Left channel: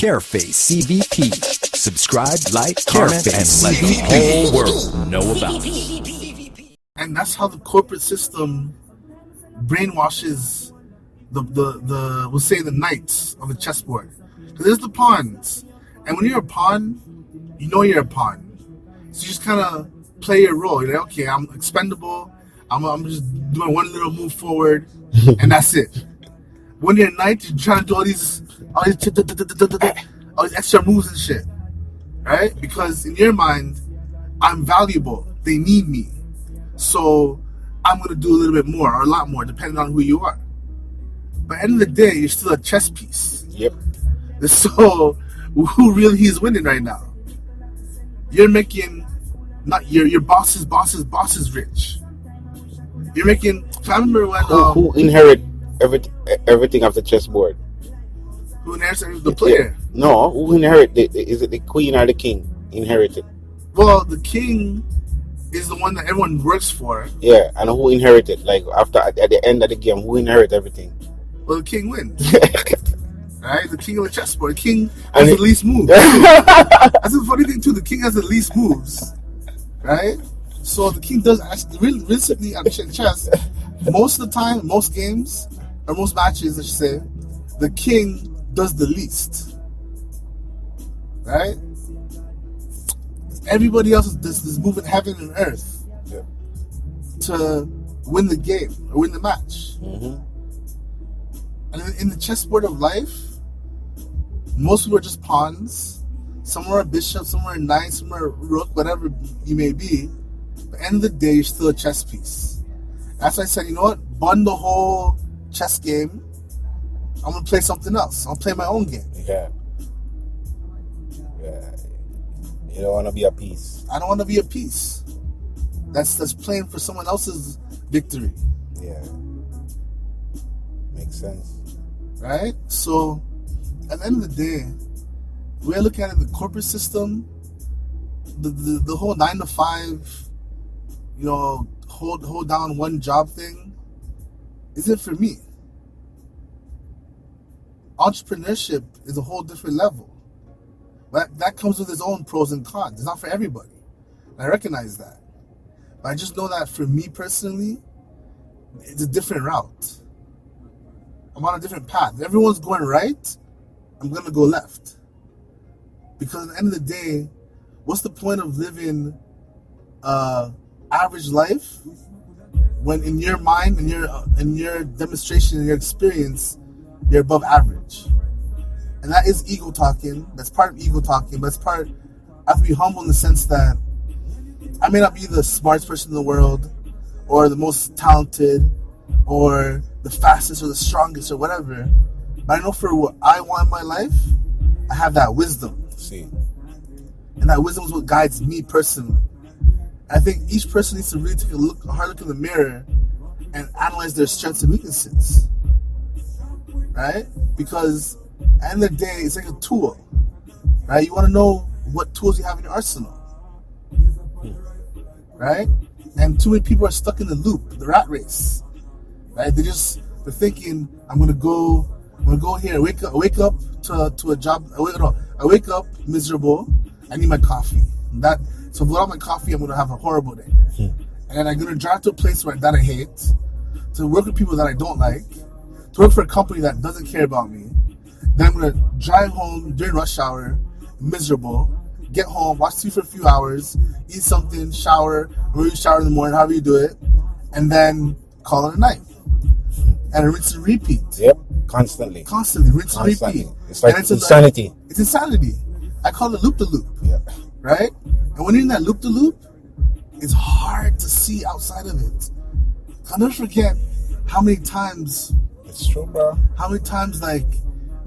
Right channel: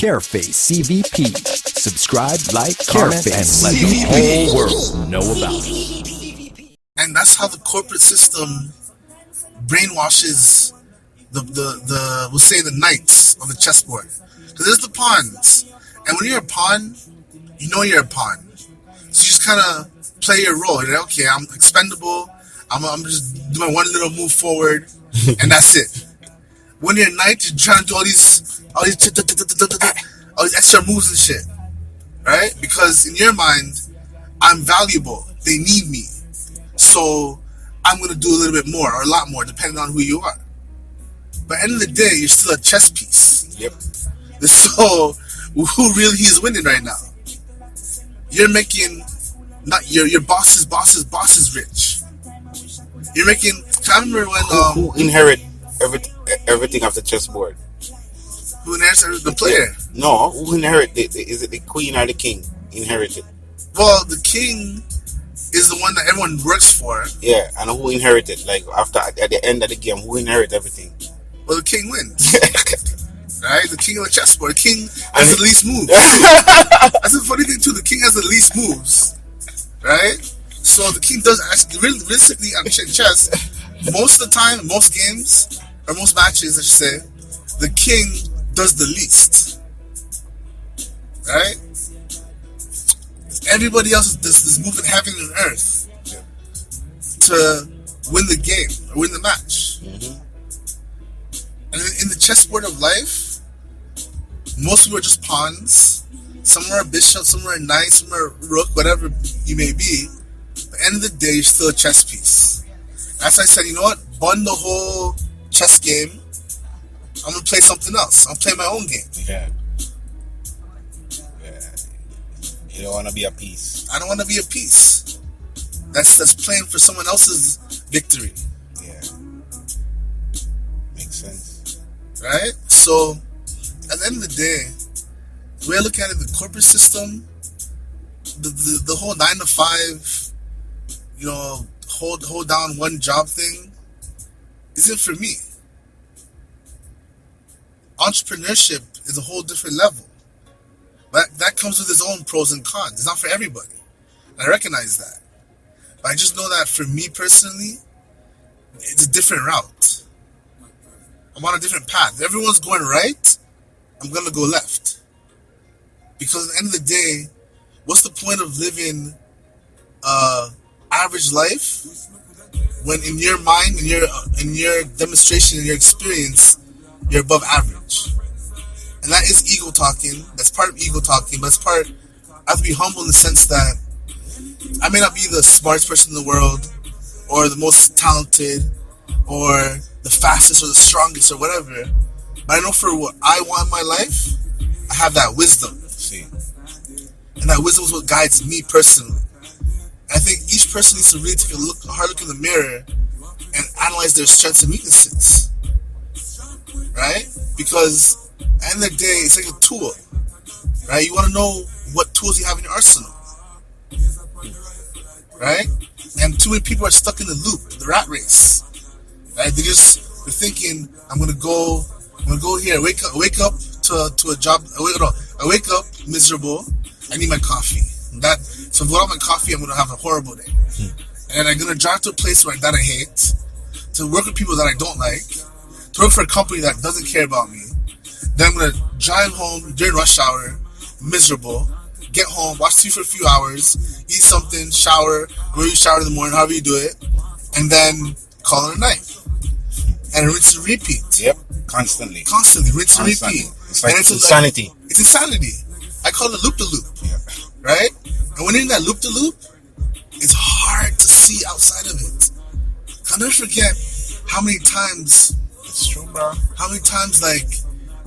Careface CVP. Subscribe, like, comment, and let the whole world know about it. And that's how the corporate system brainwashes the we'll say the knights on the chessboard. Because there's the pawns, and when you're a pawn, you know you're a pawn. So you just kind of play your role. You're like, okay, I'm expendable. I'm just doing one little move forward, and that's it. When you're a knight, you're trying to do all these extra moves and shit, right? Because in your mind, I'm valuable. They need me, so I'm gonna do a little bit more or a lot more, depending on who you are. But at the end of the day, you're still a chess piece. Yep. So who really is winning right now? You're making not your boss's rich. You're making. I remember when who inherit everything off the chessboard? Who inherits the player? No, who inherit? Is it the queen or the king inherited? Well, the king is the one that everyone works for. Yeah, and who inherited? Like after at the end of the game, who inherit everything? Well, the king wins. Right? The king of the chessboard. The king has the least moves. That's the funny thing too. The king has the least moves. Right? So the king does actually realistically at chess. Most of the time, most games or most matches, I should say, the king does the least. Right? Everybody else is moving heaven and earth to win the game or win the match. Mm-hmm. And in the chessboard of life, most people are just pawns. Some are a bishop, some are a knight, some are a rook, whatever you may be. At the end of the day, you're still a chess piece. That's why I said, you know what? Bun the whole chess game. I'm going to play something else. I'll play my own game. Yeah. You don't want to be a piece. I don't want to be a piece that's playing for someone else's victory. Yeah. Makes sense. Right? So, at the end of the day, the way I look at it, the corporate system, the whole 9 to 5, you know, hold down one job thing, isn't for me. Entrepreneurship is a whole different level. But that comes with its own pros and cons. It's not for everybody. And I recognize that. But I just know that for me personally, it's a different route. I'm on a different path. If everyone's going right, I'm going to go left. Because at the end of the day, what's the point of living average life when in your mind, in your demonstration, in your experience, you're above average? And that is ego talking. That's part of ego talking, but it's part. I have to be humble in the sense that I may not be the smartest person in the world, or the most talented, or the fastest, or the strongest, or whatever. But I know for what I want in my life, I have that wisdom. See. And that wisdom is what guides me personally. I think each person needs to really take a hard look in the mirror and analyze their strengths and weaknesses. Right? Because at the end of the day, it's like a tool. Right? You want to know what tools you have in your arsenal. Right? And too many people are stuck in the loop, the rat race. Right? They're thinking, I'm gonna go here, I wake up to a job, I wake up miserable, I need my coffee. So without my coffee, I'm gonna have a horrible day. And then I'm gonna drive to a place that I hate, to work with people that I don't like, to work for a company that doesn't care about me. Then I'm gonna drive home during rush hour, miserable, get home, watch TV for a few hours, eat something, shower, go you shower in the morning, however you do it, and then call it a night. And rinse and repeat. Yep, constantly, rinse and repeat. It's like insanity. It's insanity. I call it loop-de-loop. Yeah. Right? And when you're in that loop-de-loop, it's hard to see outside of it. I'll never forget how many times. It's true, bro. How many times, like,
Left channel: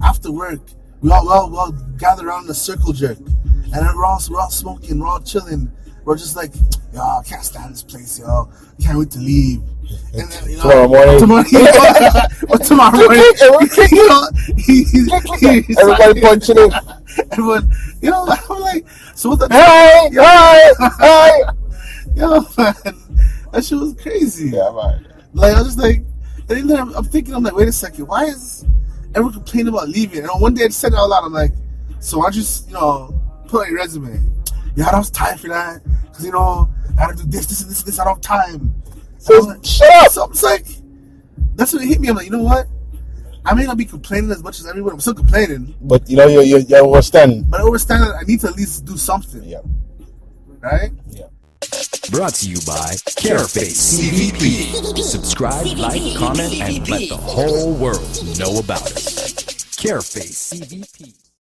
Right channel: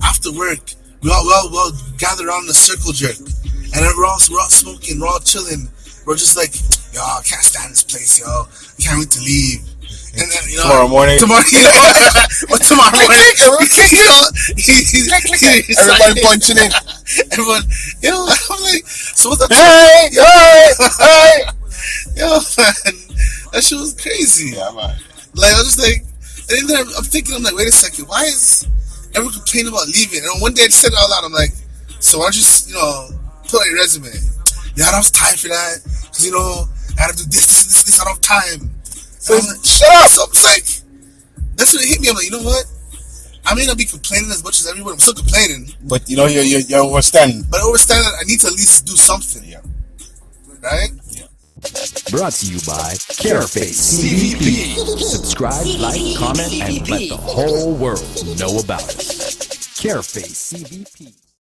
after work, we all gather around in a circle jerk, and then we're all smoking, we're all chilling. We're just like, yo, I can't stand this place, yo. I can't wait to leave. And then, you know, tomorrow morning, tomorrow morning, everybody punching in. Everyone, you know, I'm like, so what's that? Hey! Yo, man, that shit was crazy. Yeah, man. Like, I was just like, and then I'm thinking, I'm like, wait a second, why is everyone complaining about leaving? And one day I just said it out loud, I'm like, So why don't you, put on your resume? Yeah, I don't have time for that. Because, I gotta do this, I don't have time. So shut up. So I'm like, that's when it hit me. I'm like, you know what? I may not be complaining as much as everyone. I'm still complaining. But you understand. But I understand that I need to at least do something. Yeah. Right? Yeah. Brought to you by Careface CVP. Subscribe, like, comment, and let the whole world know about us. Careface CVP.